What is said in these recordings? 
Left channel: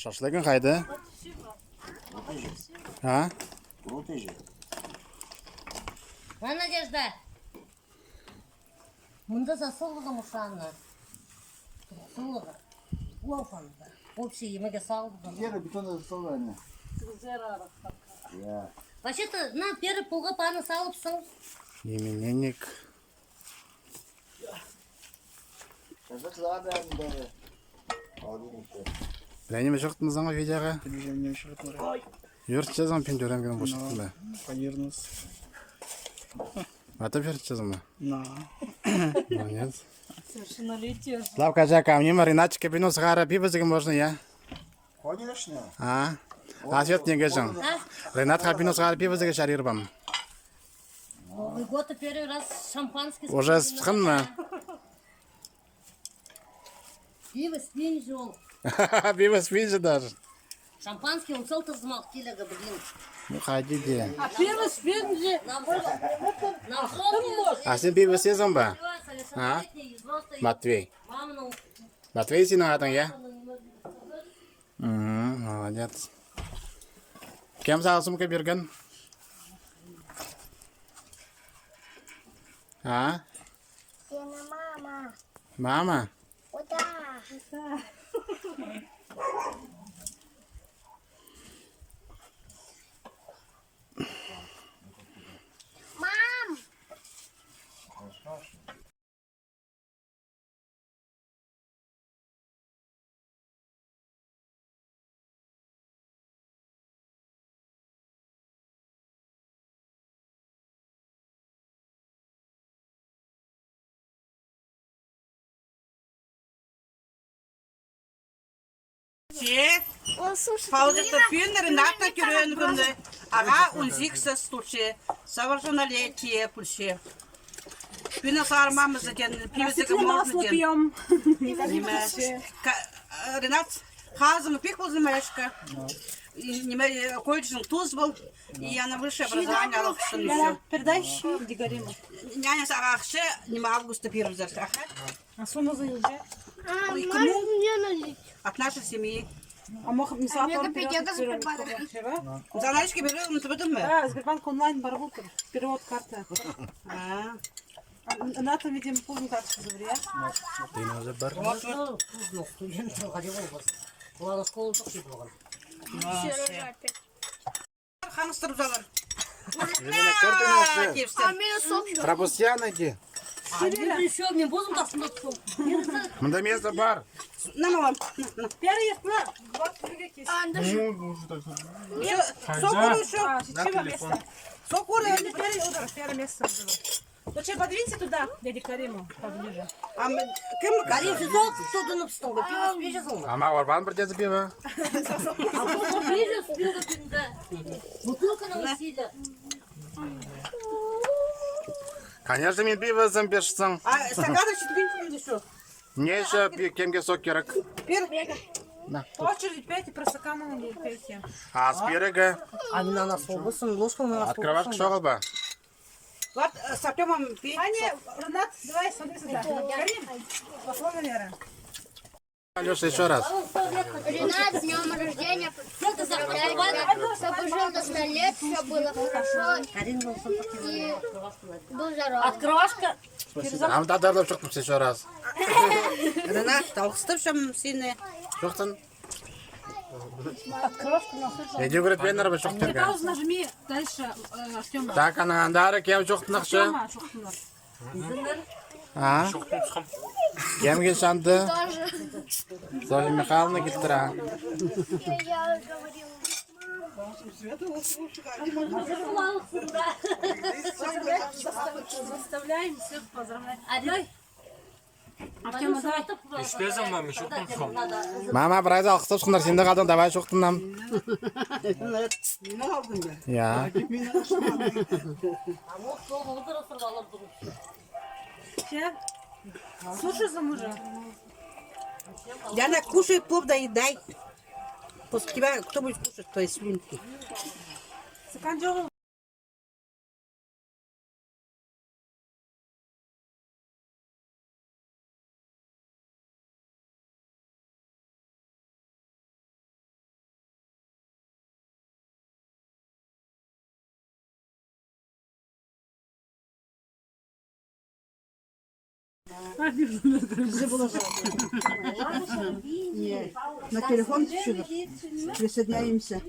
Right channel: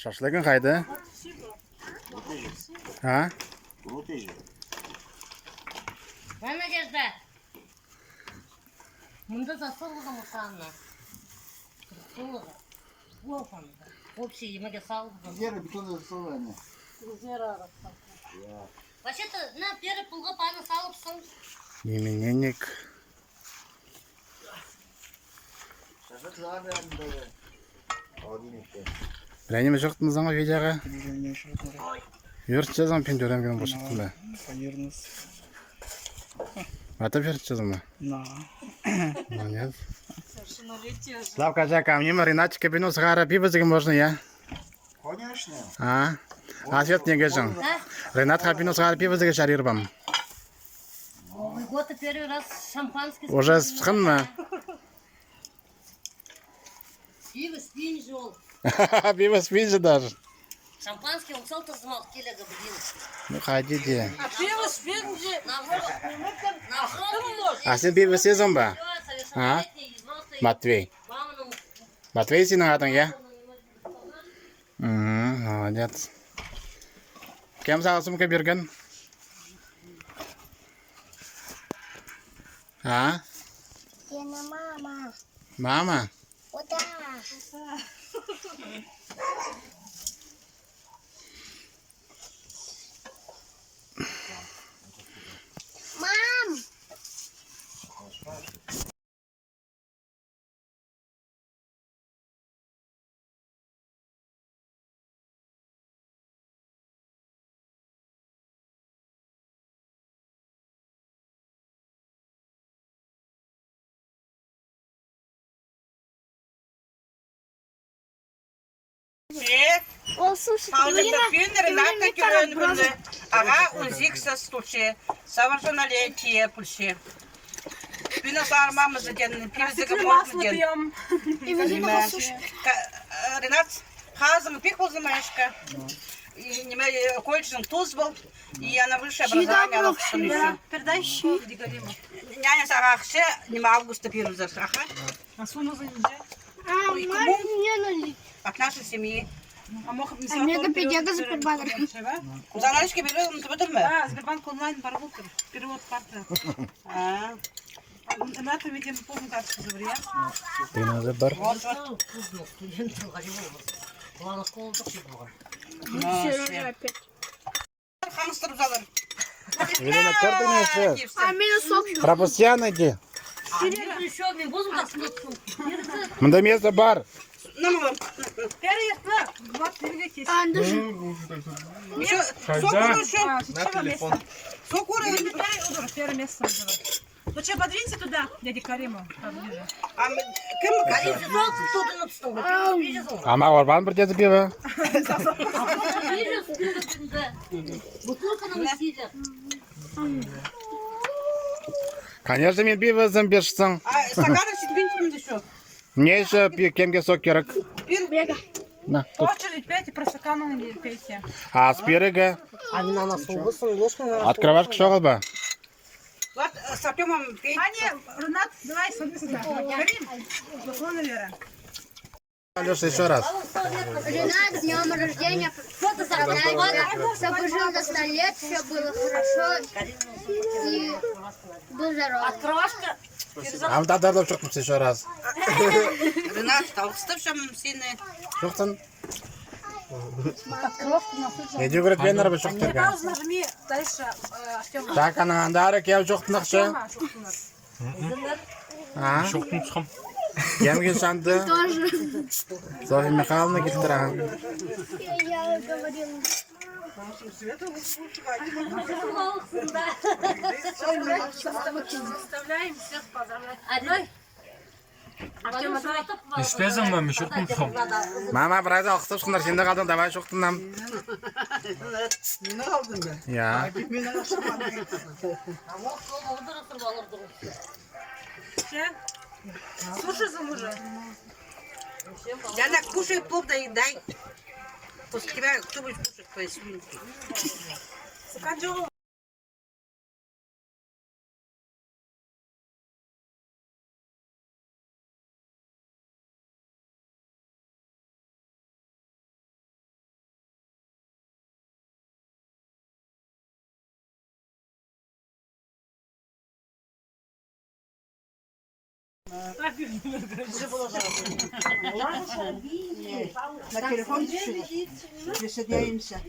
Шашлыгын қайды? А? Надежда. Мында засылды мұсаны. Сылығы. Уалфанды. Общий емеге салды. Вера бетонда засылды. Вообще-то, на первый пулға паны салыпсың. Именинник. Шашлык загадан бері. Алдинекте. Біләнеме жоқтыңыз аңа видеоға? Телевизионнен шығып Юрт жазам пен жөрәмген бошықтың ба? Повернусь. Атап юрт жазам ба? На. Молодец. Совершеннолетие. Славка, Жака, мне Маринатчика пину сахара пиво зігі можно, я? Конечно. А? А свет не гажан. Ренатха пину сахара пиво зігі шарир бам. Новый год первый раз шампанский. Уже схын ма? Пиво спин жол. Пиво спинжи даже. Шампанский он сол тазмал келега блин. Ну, ходите. А пиво спин же. А сен пиво сезон ба? А? Матвей. Матвей сенің атың, я? Молодец. Кем саған сумка берген? А? Сені мама. Мама? Ота. Мам! О, слушай, Рената Кюренвна. Ага, узикса случае. Совершеннолетие пульше. Пина сармамы заден. Пивзига можно ден. Ренат, хазым пик ползымешка. И неме кольчен туз был. И она выше образование. Передай щи, Дигарима. Няня сарахше, не августа первый засаха. А сумма за уже? А, можешь мне налить? От нашей семьи. А мог не А мне копейка за Сбербанк. За ночки берем, ты потом мы. Да, Сбербанк онлайн барбутер. Перевод карты. А. На там видим полную карточку забрия. Пина за бар. Студент проходил образ. Ладно, школу так и было. опять. Хамстер залар. Велена карты не все. А минус сок. Пропустяна ди. Еще мне возьму так смотрю. Мында место бар. Намалам. Переезд на 20 минут. А, даже. Сокуру еще. На телефон. Сокуру. Первое место. Ну что, подвинься туда, дядя Кариму, поближе. А кем Карин сезон кто-то написал. Ама орбан бір деді пиво. Бутылка на усилие. Конечно, мен пиво зым бершсің. А стаканы четвертым еще. Мне еще кемге сок керек. На, тут. Очередь пейте, про стакану не пейте. А спирігі? Они на нас улыбаются, ложками. Открывашка шоғыл ба? Вот с Артемом петь. А не, Ренат, давай, смотри сюда. Карим, пошло наверное. Алеша, еще раз. Ренат, с днем рождения. Поздравляю, чтобы жил до 100 лет, все было хорошо и был здоров. Открывашка. Ам тадарлап шықтымыз еще раз. Ренат, толстым сильный. Жоқтын? Еде көрет бен арба жоқ терген. Паузу нажми дальше, Артема. Так, анағандары кем жоқтын ақшы? А? Кемге шанды? Софья Михайловна келтіра. Я говорила. Заставляем всех поздравлять. Одной. Артема, давай. Испезом маме шоқтым қом. Мама, біраз алқыстап шықындар, сенде қалдың, давай жоқтыннам. Не алдың ба? Я. Все? Слушай за мужа. Яна, кушай плов, доедай. После тебя кто будет кушать твои слюнки? Стакан На телефон присоединяемся.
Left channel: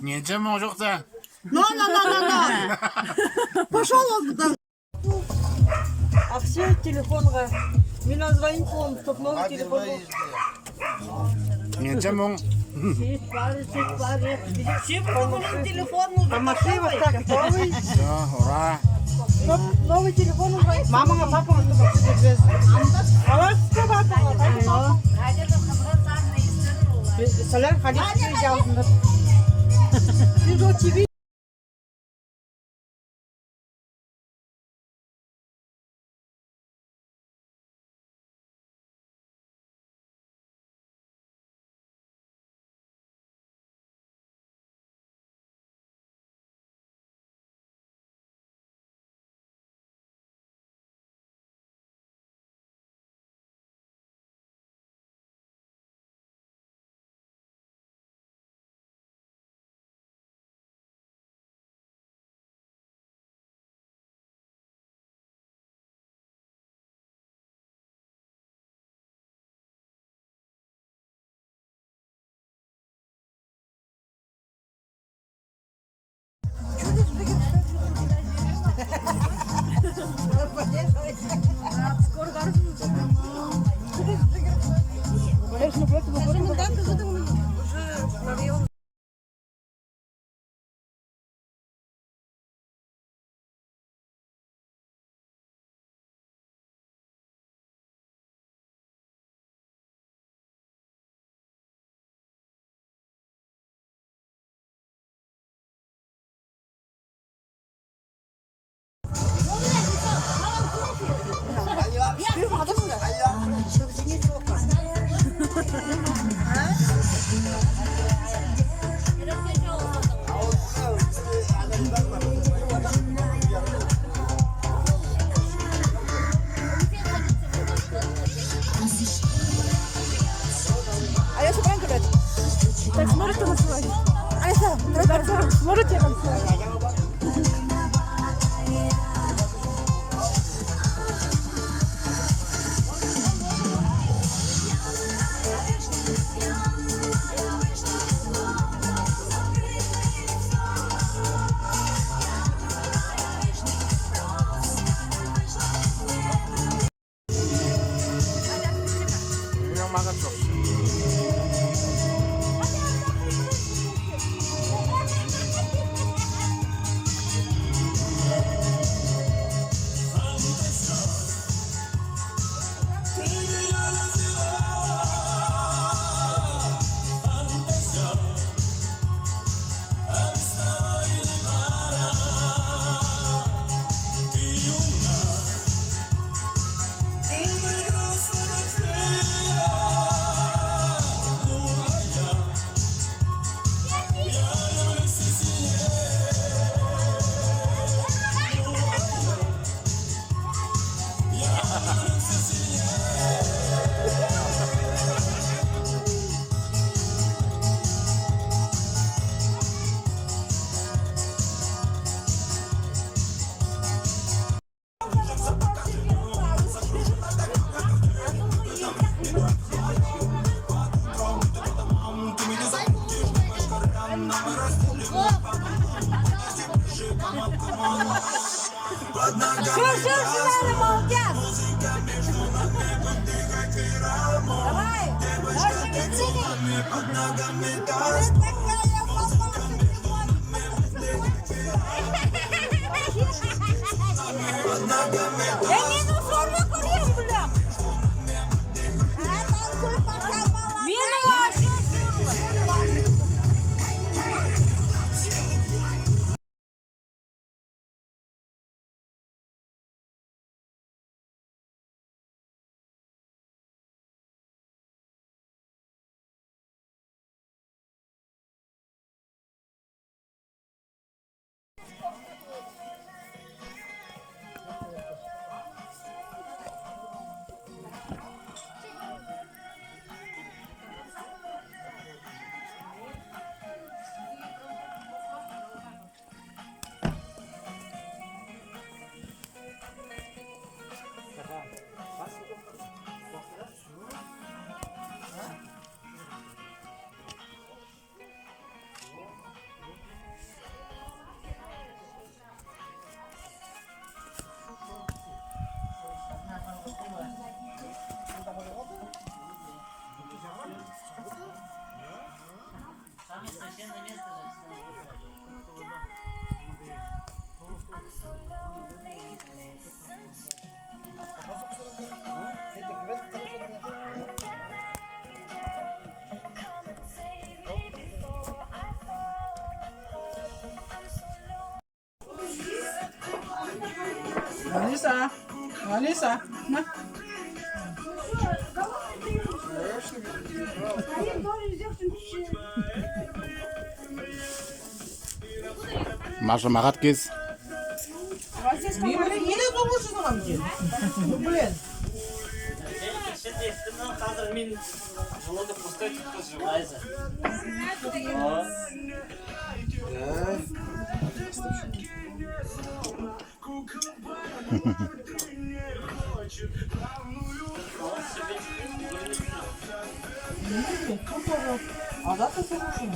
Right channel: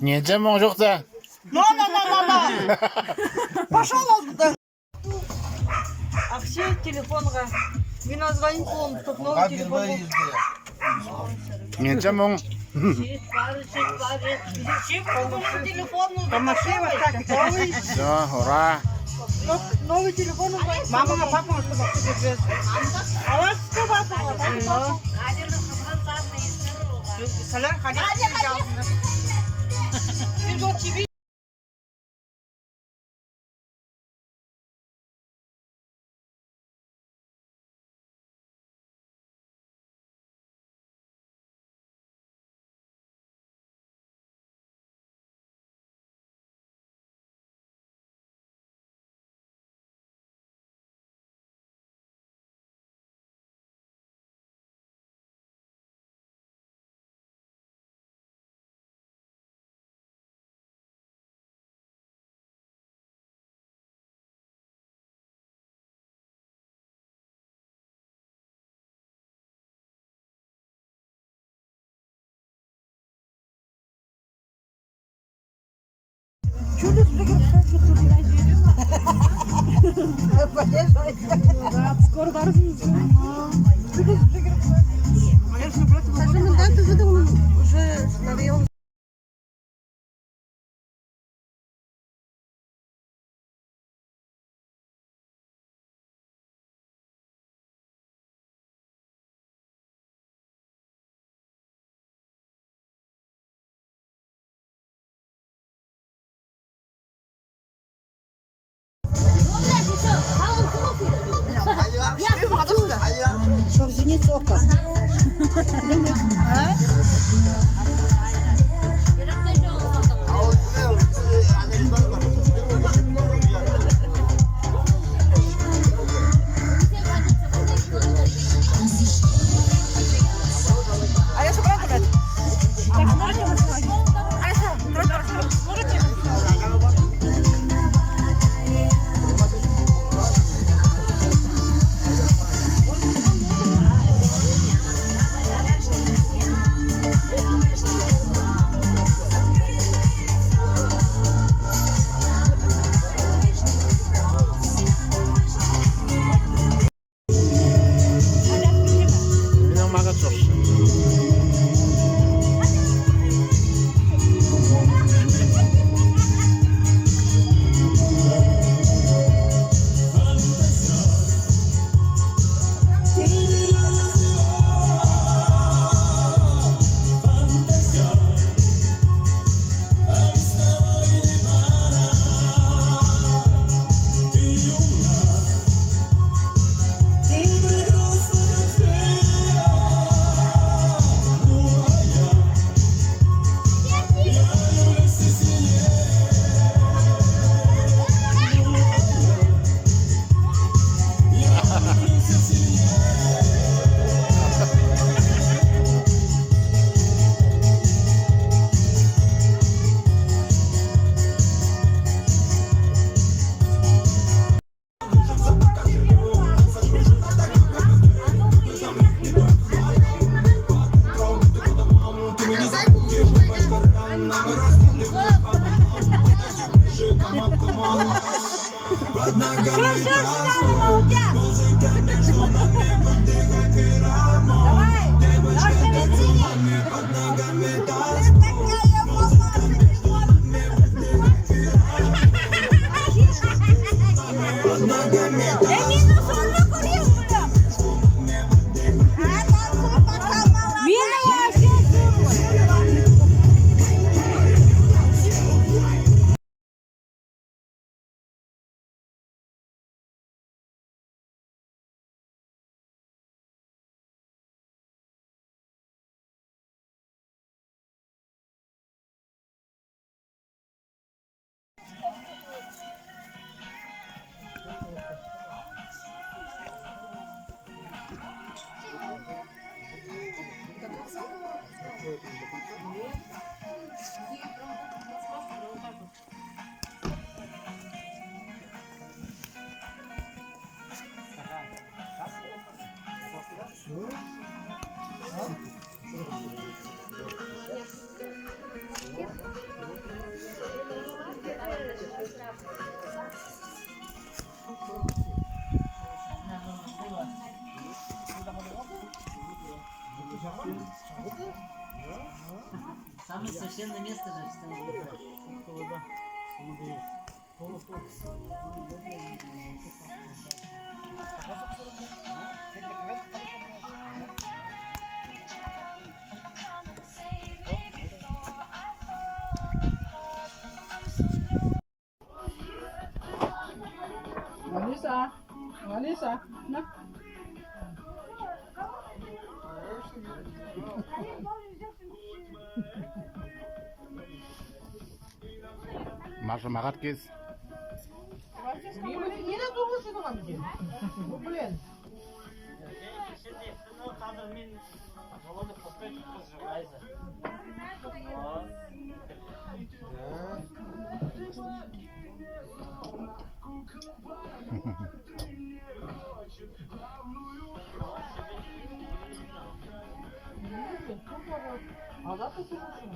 Nie idziemy, może chce. No. Пошел он. А все телефонға. Мен звонить болдым, чтоб новый телефон был. Nie idziemy. Помаши вот так, новый. Все, ура. Новый телефон. Мама, папа, чтобы тебе. А вот что папа? Соляр ходить не взял. Скоро барышня. Уже навел. Так, можете насылать? Можете насылать? 그냥 막아줬어. Алиса, Алиса, на. Маша Мараткис. Yine dolmuşsun ama bir. Блин. Қазір мен желудок пустой только сжимается. А да ты слушай.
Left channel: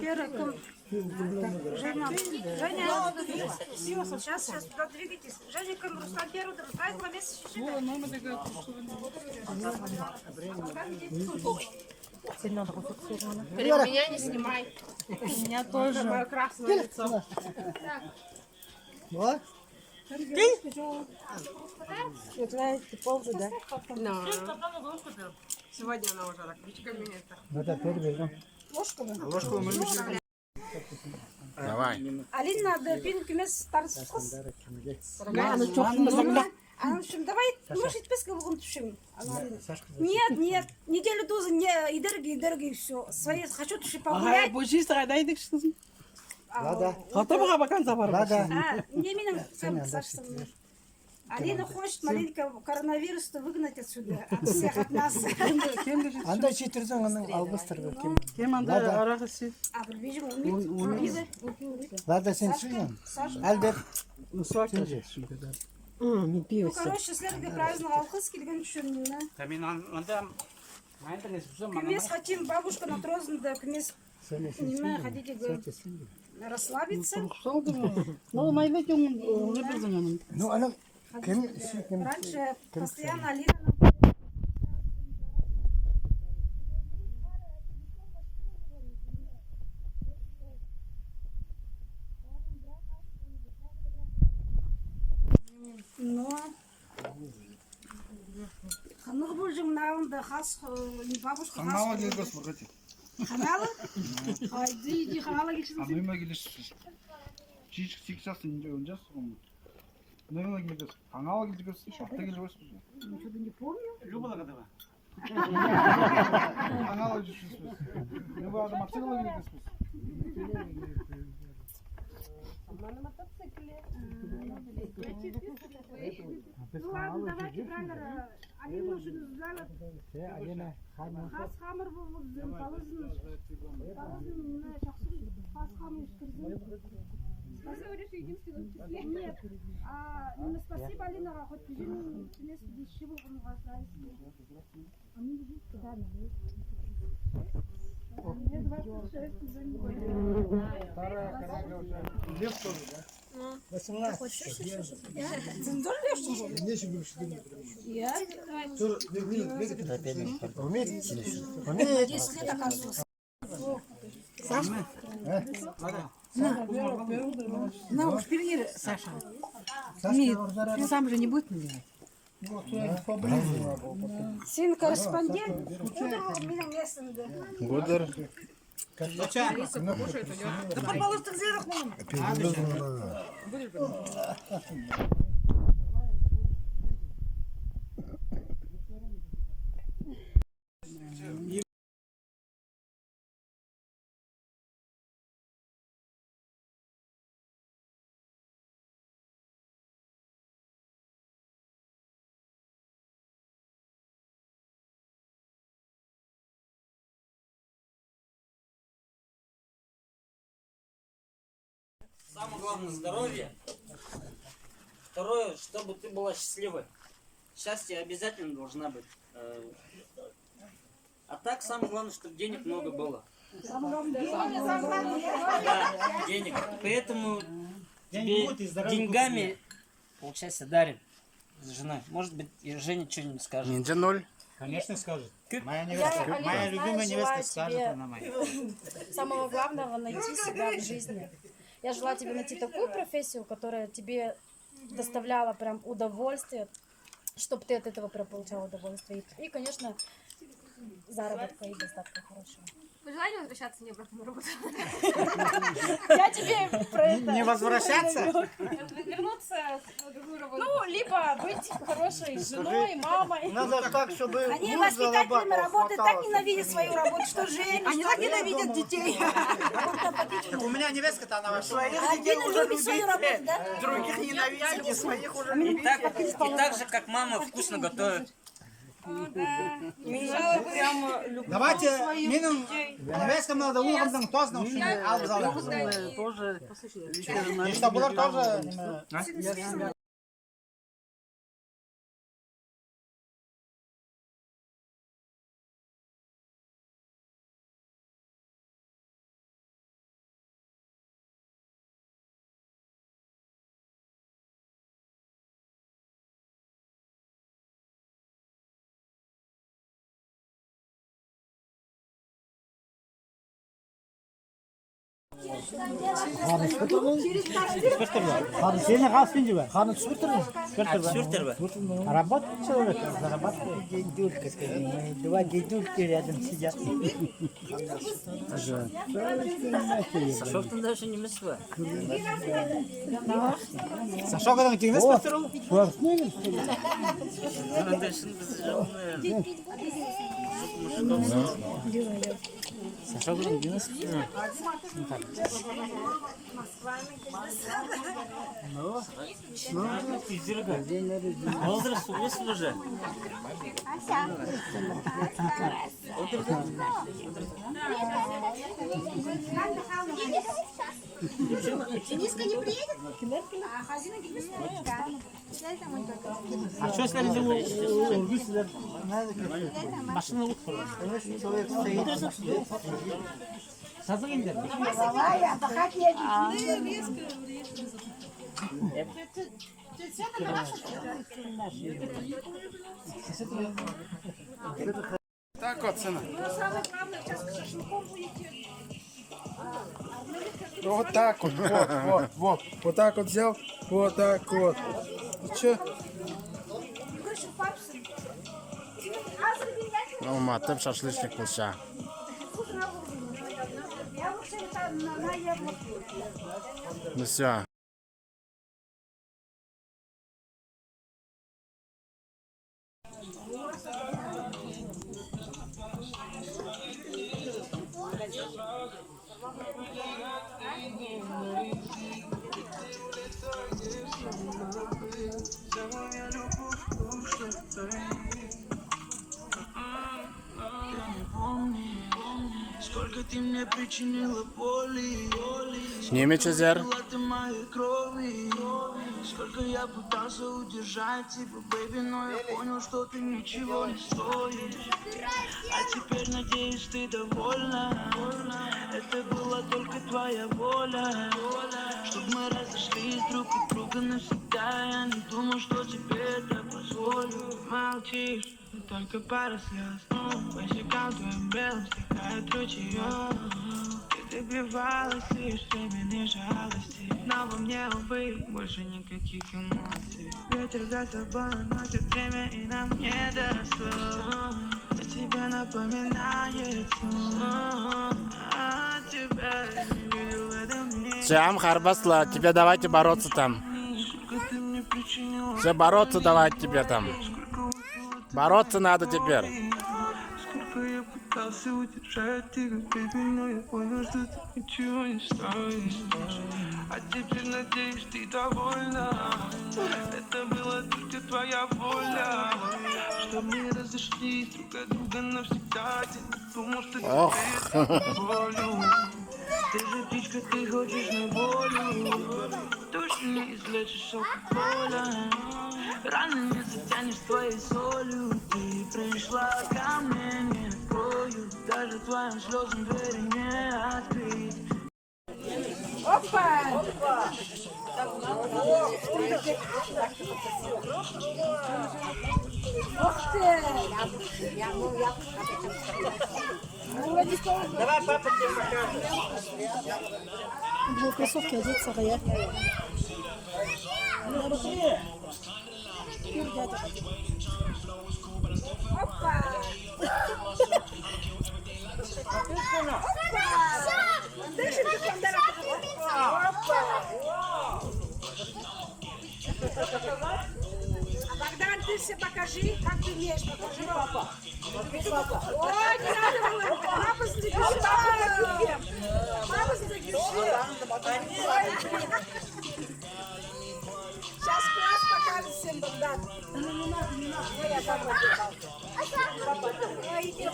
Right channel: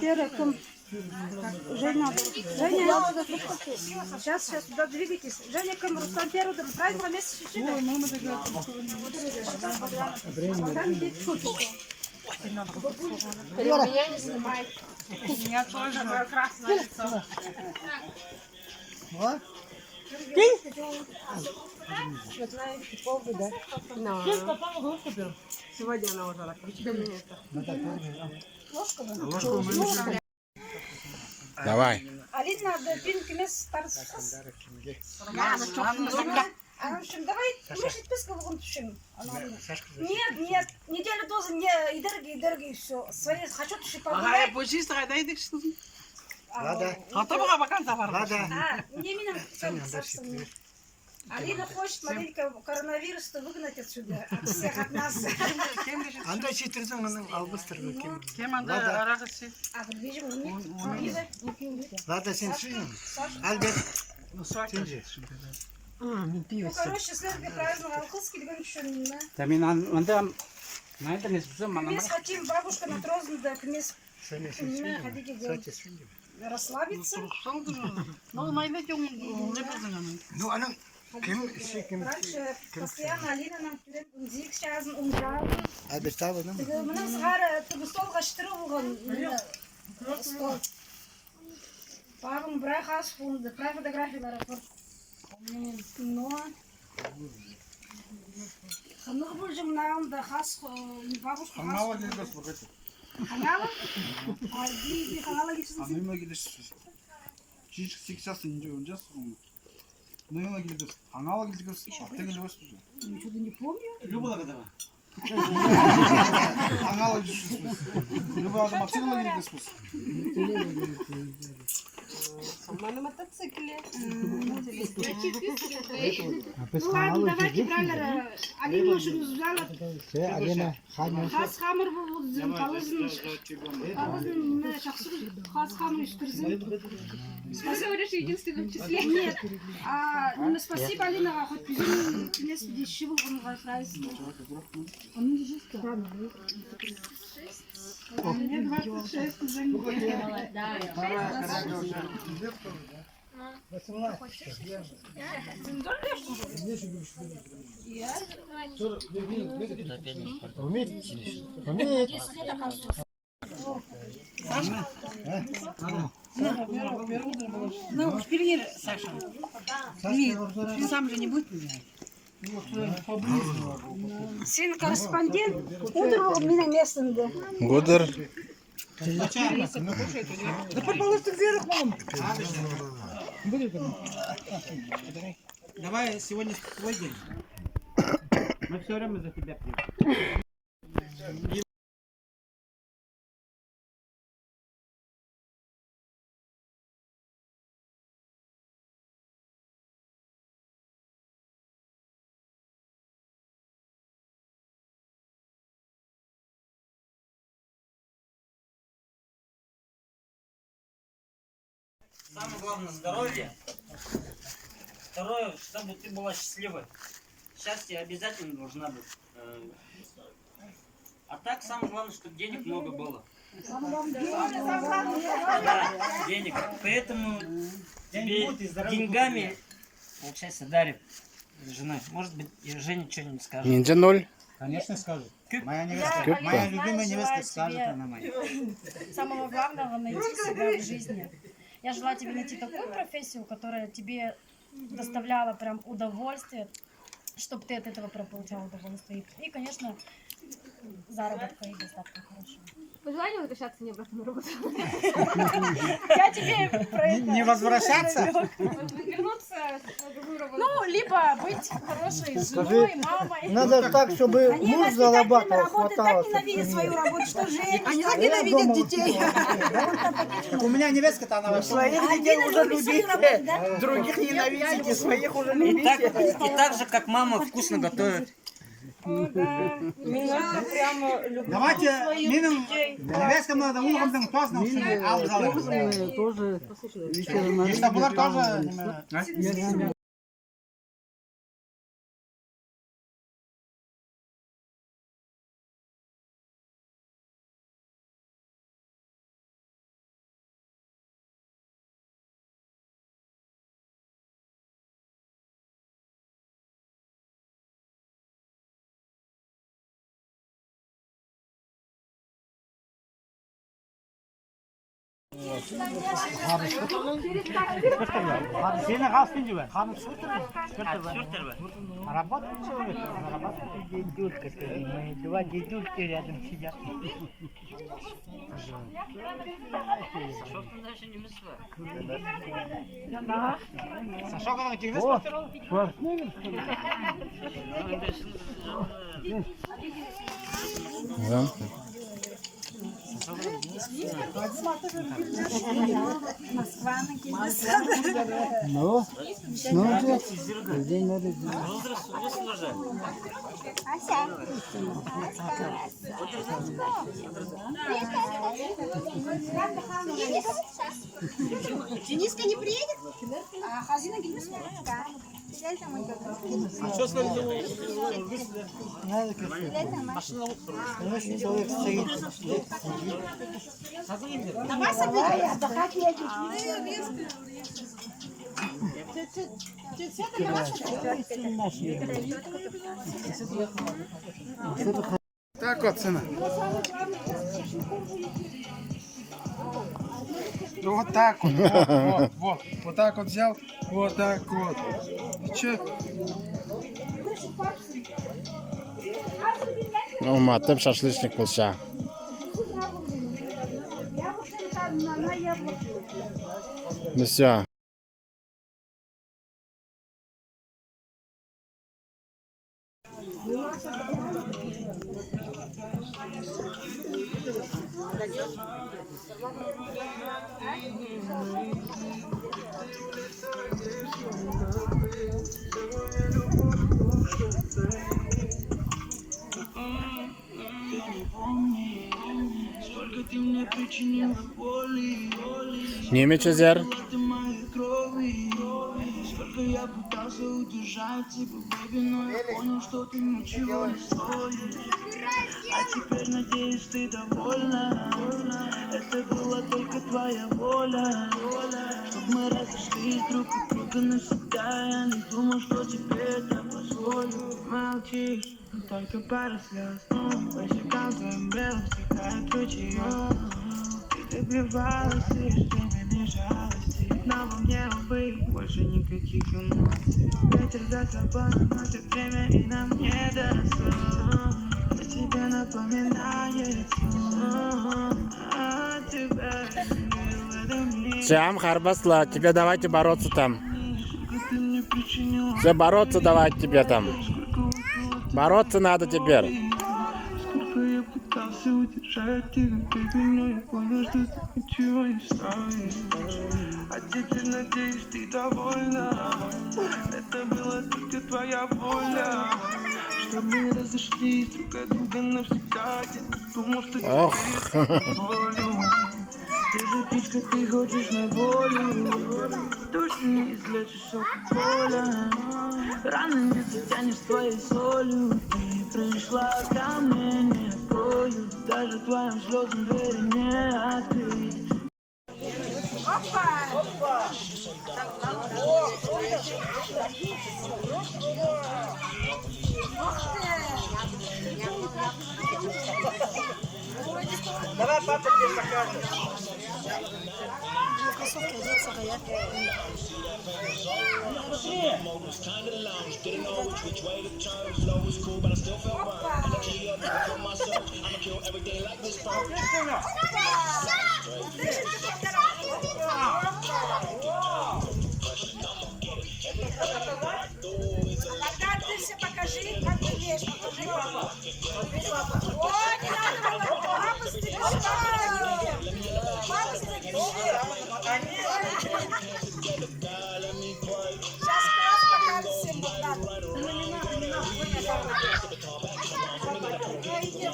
Первым. Женя, сейчас туда двигайтесь. Женя, кем Руслан первый, правильно место чуть-чуть. Меня не снимай. Меня тоже. Мое красное лицо. Вот. Сегодня она уже так. Вот так вот берем. Ложку мы Давай. Алина, да, пинки мес тарсыз. Она düşün, давай, может, писка вон düşün. Нет, неделю дозы, не, и все. Свои, хочу туши погулять. Bu şey sıradaydık şimdi. Lada. Hatta baka bakan da var. Lada. Не мином, собственно. Алина хочет маленько коронавирус-то выгнать отсюда, от всех, от нас. Anda çitirsen onu albastır. Kim anda arası? А, видимо, умит. Lada sen suyun. Albert. Ну, короче, следующий праздник Алхыз келген үшін, кімес хотим, бабушка на Трознда, кімес расслабиться. Ну, найдете не познанный. Ну, она kim kim Раньше постоянно Алина нам подает унзик, сейчас унжал. Albert abi ne? Мына сығары түбі столға шытыры болған. Стол. Бағым бірақ асып онды, бірақ фотографиялары бар. Но... Қанығы бұл жымнауында қас бабушка қас... Kanala geleceğiz bu kaçı. Қаналы? Ай, қанала келшісің сен? Annemle gelişsiz. Çiçek siksas ince önce sonra. Annemle geleceğiz. Kanala geleceğiz. Hafta geleceğiz. Что-то не помню. Любила когда? Kanala geleceğiz. Любой adam Максим'le geleceğiz. На мотоцикле. Ну ладно, давайте, бралер. Алина машину взяла. Alina, Hanya. Хас хамыр болдым, қалызын жақсы хас хамыр үстірзін. Спасибо, что единственном числе. Нет, спасибо Алинаға, хоть біздің кінес деші болғанға сұрайсың. Мне 26 уже не Ну, теперь Саша. Ты сам же не будет меня. Сен корреспондент, утро менің местімді. Гудер. Да, пожалуйста, где рахман? Давай сегодня твой день. Мы все время за тебя пьем. Самое главное здоровье. Второе, чтобы ты была счастливой. Счастье обязательно должна быть. А так самое главное, чтобы денег много было. Самое Да, денег. Поэтому тебе деньгами, получается, дарит жена. Может быть, и Женя что-нибудь скажет. Ниндзя 0. Конечно, скажет. Моя Моя любимая невестка скажет, она моя. самого главного найти себя в жизни. Я желаю тебе найти такую профессию, которая тебе доставляла прям удовольствие, чтобы ты от этого получал удовольствие. И, конечно, заработка и доставка хорошая. Пожелание возвращаться мне обратно на работу. Я тебе про это... Не возвращаться? Вернуться на другую работу. Ну, либо быть хорошей женой, мамой. Надо так, чтобы Они муж воспитателями зарабатывал, работают, так хватало. ненавидят свою работу, что женщины. Они так ненавидят детей. У меня невестка-то она вообще. Своих детей уже любите. Других ненавидите, своих уже И любите. так же, как мама вкусно готовит. Меня прямо люблю. Давайте, минимум, невесткам надо уровнем тосно ушли, а в зале. Если булар тоже... Сені қалсын жібе? Қаны түсіртір бе? Работает человек, зарабатывает. Дедулька, два дедульки рядом сидят. Сашок там даже не мысли. Сашок адам кеңес көтеру? Көрсінеміз. Возраст вышел уже. Дениска не приедет? Что сказали, машина конечно, человек стоит. Давай, отдыхать едем. Так вот, сына. Вот так вот, вот. Вот так вот взял, вот так вот. Че? Ну, матем шашлычник болса. Ну все. Сколько ты мне причинила боли, Немец Зер. ты моей крови. Сколько я пытался удержать тебя, бэйби, но я понял, что ты ничего не стоишь. А теперь, надеюсь, ты довольна. Это была только твоя воля, чтоб мы разошлись друг от друга навсегда. Я не думал, что тебе это позволю. Молчишь, только пара слез. По щекам твоим белым стекает ручеёк. Ты добивалась лишь временной жалости, но во мне, увы, больше никаких эмоций. Ветер за собой носит время, и нам не достать. О тебе напоминает о тебя не видел в этом мире. Сям, Харбасла, тебе давайте бороться там. Сколько ты мне причинила, Все бороться давать тебе там. Бороться надо теперь. сколько я пытался удержать тебя, бэйби, но я понял, что ты ничего не стоишь. А теперь, надеюсь, ты довольна. Это была только твоя воля, чтоб мы разошлись друг от друга навсегда. Я не думал, что Ох. тебе это позволю. Ты же птичка, ты хочешь на волю. Точно не излечишь алкоголя. Раны не затянешь твоей солью. Ты пришла ко мне, не открой. даже твоим слезам двери не открыть. Давай папа тебе покажет. Кроссовки одеть, сарая. Богдан, ты все покажи, как ты умеешь. Покажи, папа. Смотри, папа. Ой, не надо, Володя. Папа, задержи. Папа, задержи. Сейчас класс покажет всем, Богдан. Ну, не надо, не надо. Ой, папа, ой, иди,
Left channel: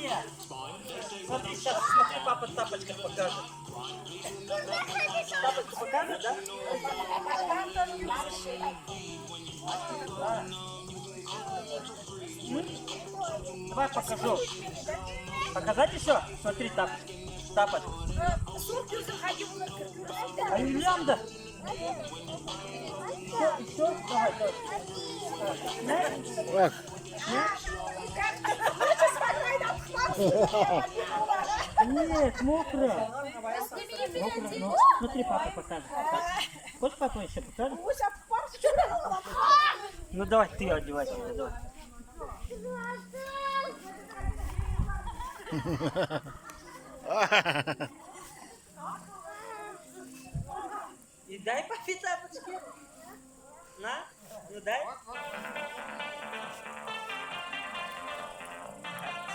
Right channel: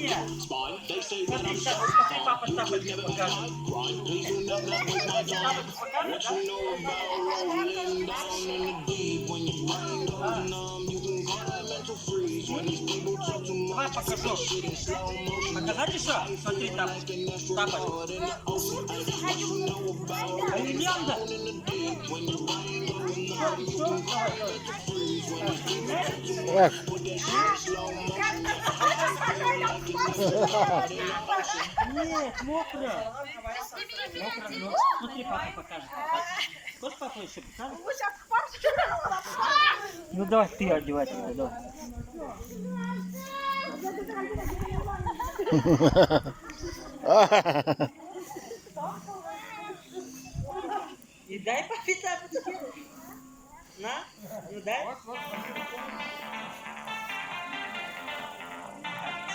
Нет. Смотри, сейчас, смотри, папа тапочки покажет. Тапочки покажет, да? Давай покажу. Показать еще? Смотри, тапочки. Тапочки. А Ильянда? Что? Эх. Нет, мокро. Мокро, ну, смотри, папа покажет. Хочешь, папа еще покажет? Ну давай ты одевай тебя, давай. И дай папе тапочки. На, ну дай.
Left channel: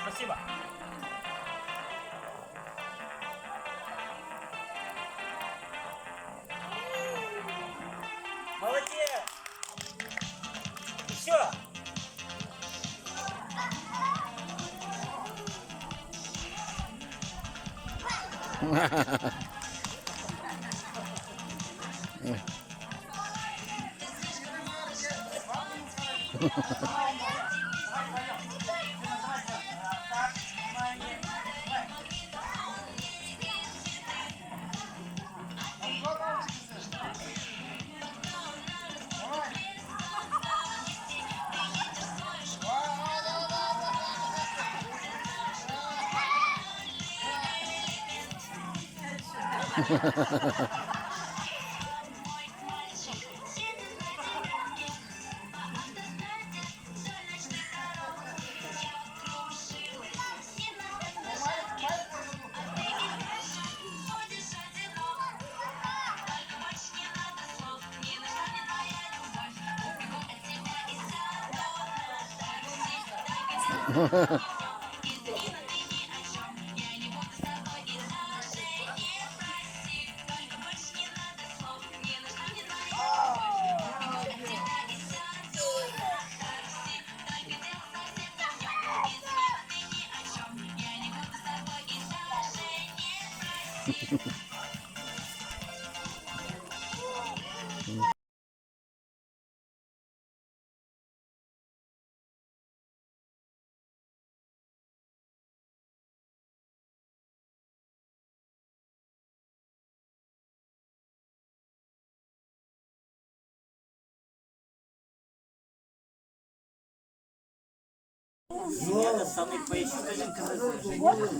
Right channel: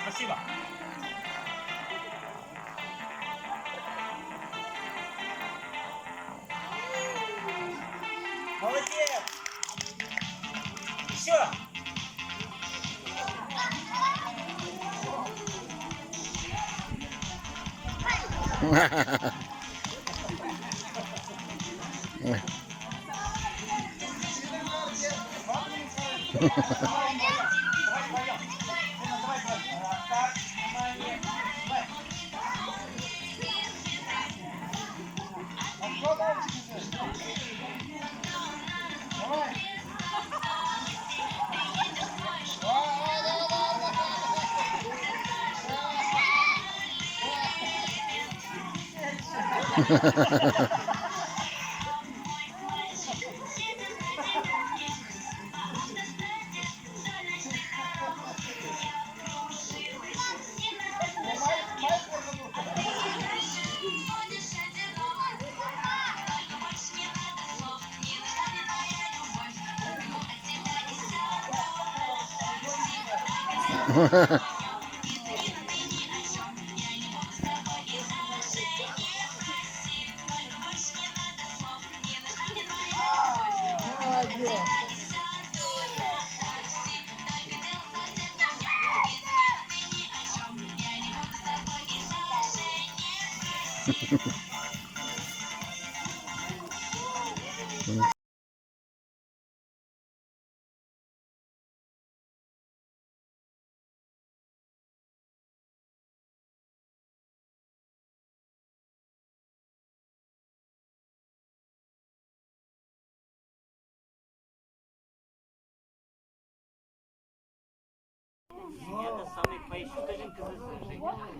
Спасибо. Молодец. Еще.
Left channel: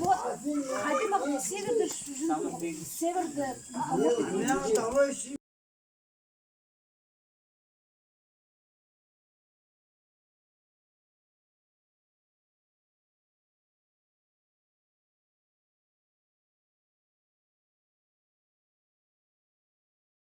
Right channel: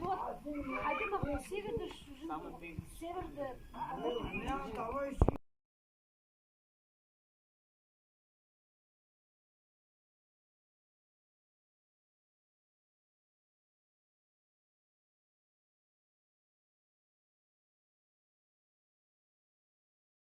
Вот. Один север,